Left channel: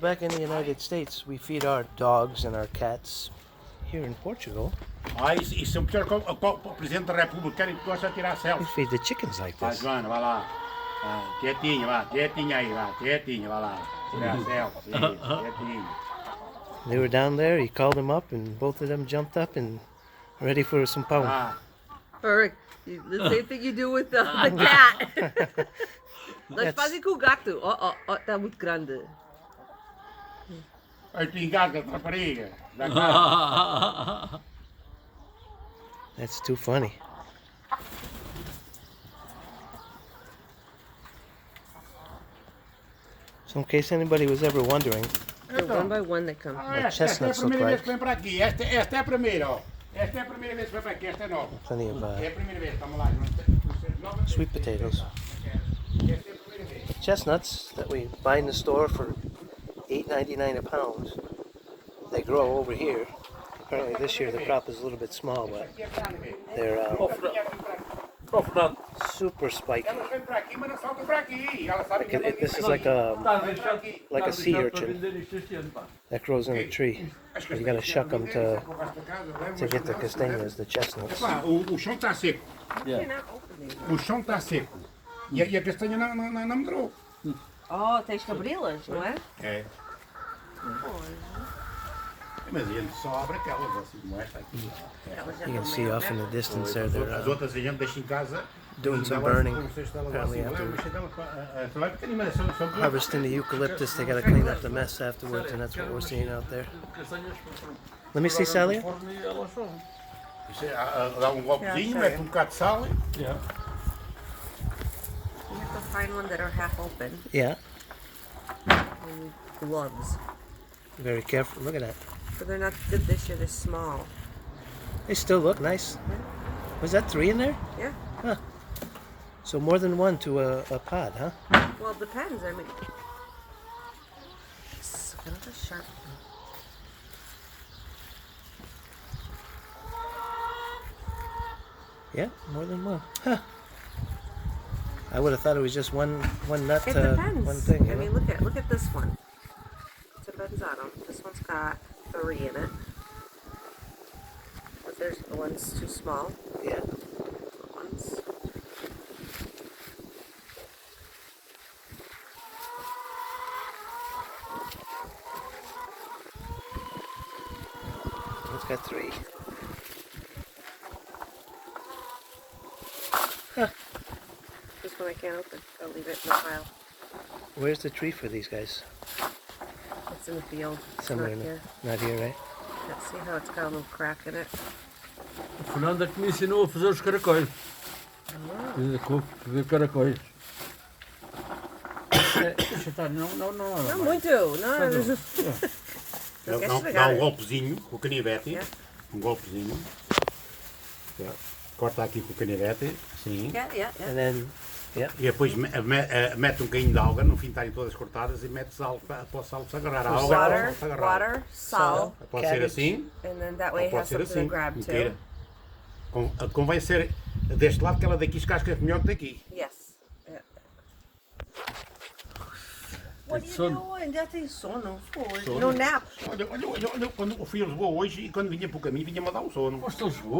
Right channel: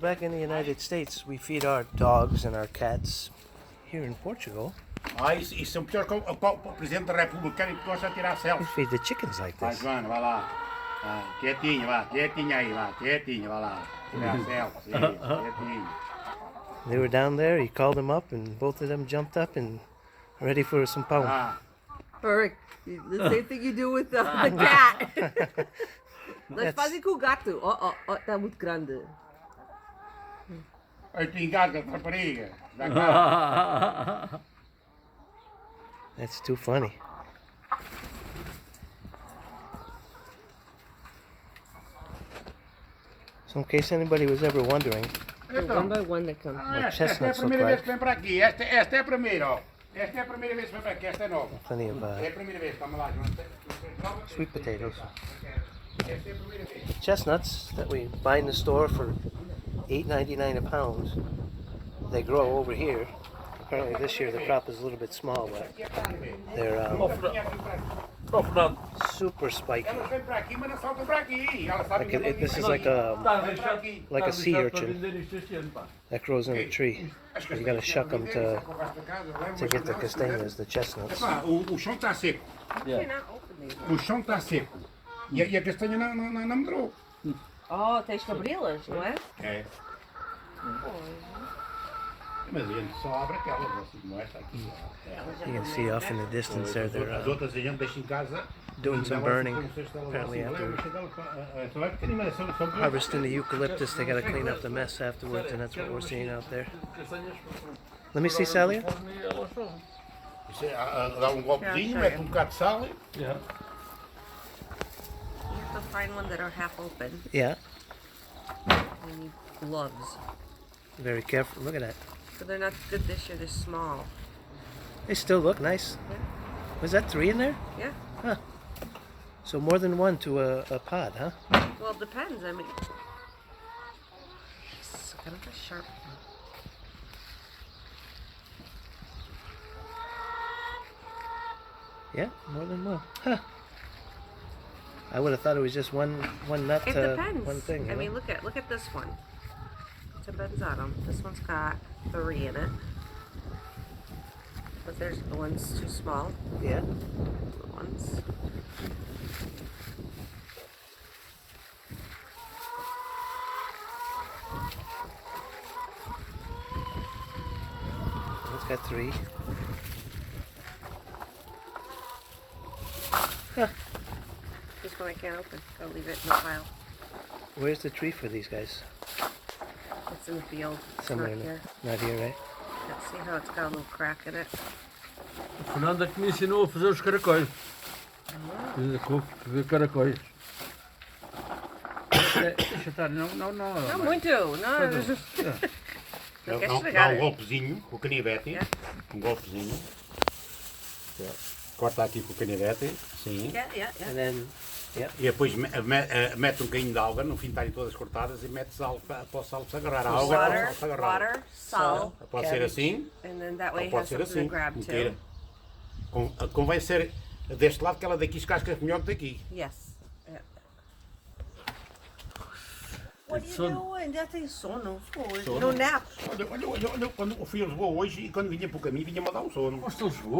Back in the United States, we feed our dogs and our cats. Here in Portugal, Isso é o pior que o Presidente da República que gosta de tirar we selfies. feed the chickens like Vai, this. Joana, vai lá. Quietinho, vá, quietinho aí, vá, quietinho, vai lá. Tirar selfies, isso, quietinho. They were down there, he called them up, and both of them jumped up and ready for some pão. Eric, the same thing you do with the cat. Nós fazem com o gato. Ó, tá muito grande. Aí tu engasga a rapariga. Dá cá. That's too funny. So in case anybody was ever wondering, One by one they come. what chestnuts esta é a look primeira vez like, que vem para aqui. Esta é a primeira, ó. Esta é a primeira vez que vem para aqui, esta é nova. plenty of É a primeira vez, vamos lá. sweet potatoes. Esta é a primeira vez. Chestnuts that we buy in the store for $8.99 a pound. They grow over here. Apparently this year the crop is a little bit small, but they're super spiky. Ela vem para aqui, mas não salta para aqui. Ela sabe que This is like a sea urchin that grows in a tree. You gotta shuck them to get the castanhas, the chestnuts. O chão está seco. O chão está seco. E a castanha não medrou. Oh, tens que abri-las, não é? É. Mas a gente só abre aquelas, assim como esta aqui. You can see off in the distance there, As they're outras a gente deixa em casa. doing some burning. Apparently after harvesting the eucalyptus, they gotta clean up the mess afterwards, and that's what we're seeing out there. Let me see, Salia. Dá golpezinho, mete bocado de sal. You have to find one that are half open. Yeah, You need gloves. very careful. Look at that. But they're not good this year, they're small. They still look nice. Was that 3 in there? Yeah. Huh. So more than one to a pod, huh? Well, it depends. I mean, it's kind of a sharp. Yeah, more than one. Huh. I would have thought it was just one nut, It depends. one thing. I You mean, know? look at this one. It's a Benzano. This one's got 3 in it. But there's one's too small. Yeah. One's It's got 3. this one I can't open. I'll leave it in the pile. Where's the tree for these guys? It's in the field. It's Somewhere not in here. Not here, right? Let's see how it's got a little crack in it. O Fernando é que me ensinou a fazer os caracóis. Fazer caracóis. Deixa estar, não. Não muito, não. Dá um golpezinho com o canivete. Um golpezinho. Corta aqui com o canivete. Assim. Yeah. And then, E depois mete um bocadinho de alga, no fim estarem todas cortadas, e mete sal para o sal se agarrar. A alga para o sal se agarrar. Water, salt, Pode ser assim, and then that way ou it pode has ser something assim. to grab Como too. queira. Convém ser deste lado, que ela daqui escasca melhor que daqui. Yes. Yeah. What are you doing? Já tem sono. No nap. Olha, quando eu fui a Lisboa hoje e quando vinha para o caminho vinha-me a dar um sono. Gosto de Lisboa.